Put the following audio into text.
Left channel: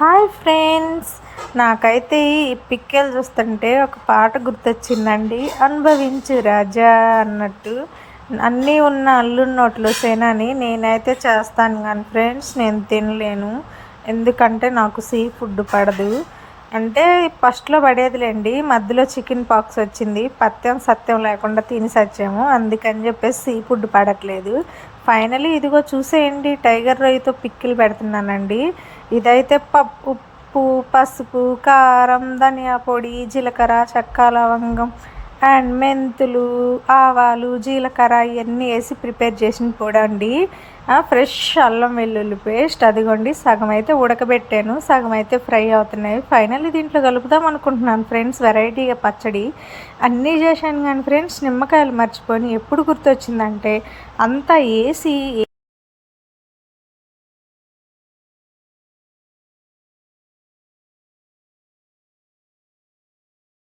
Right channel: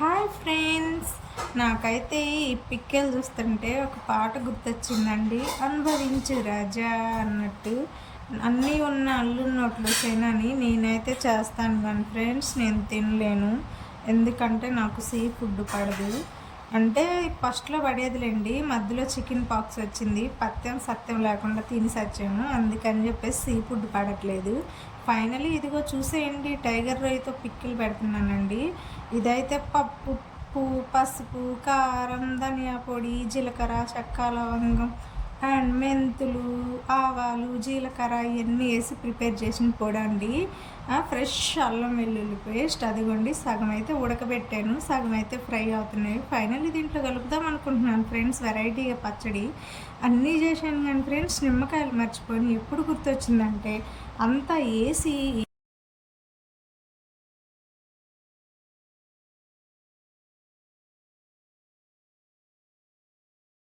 Hi friends. నాకైతే ఈ పిక్కెలు చూస్తుంటే ఒక పాట గుర్తొచ్చిందండి. అనుభవించు రాజా అన్నట్టు. అన్నీ ఉన్న అల్లు నోట్లో సేనని నేనైతే చేస్తాను కానీ ఫ్రెండ్స్ నేను తినలేను. ఎందుకంటే నాకు సీ ఫుడ్ పడదు. అంటే ఫస్ట్లో పడేదిలేండి. మధ్యలో చికెన్ పాక్స్ వచ్చింది. పత్యం సత్యం లేకుండా తిని సచ్చాము. అందుకని చెప్పేసి సీ ఫుడ్ పడట్లేదు. ఫైనలీ ఇదిగో చూసేయండి. టైగర్ రొయ్యతో పిక్కిలు పెడుతున్నానండి. ఇదైతే పప్పు ఉప్పు పసుపు కారం ధనియా పొడి జీలకర్ర చెక్క లవంగం అండ్ మెంతులు ఆవాలు జీలకర్ర ఇవన్నీ వేసి ప్రిపేర్ చేసిన పొడి అండి. ఫ్రెష్ అల్లం వెల్లుల్లి పేస్ట్ అదిగోండి సగం అయితే ఉడకబెట్టాను సగం అయితే ఫ్రై అవుతున్నాయి. ఫైనల్లీ దీంట్లో కలుపుదాం అనుకుంటున్నాను ఫ్రెండ్స్ వెరైటీగా పచ్చడి. అన్నీ చేశాను కానీ ఫ్రెండ్స్ నిమ్మకాయలు మర్చిపోయి ఎప్పుడు గుర్తొచ్చిందంటే అంతా వేసి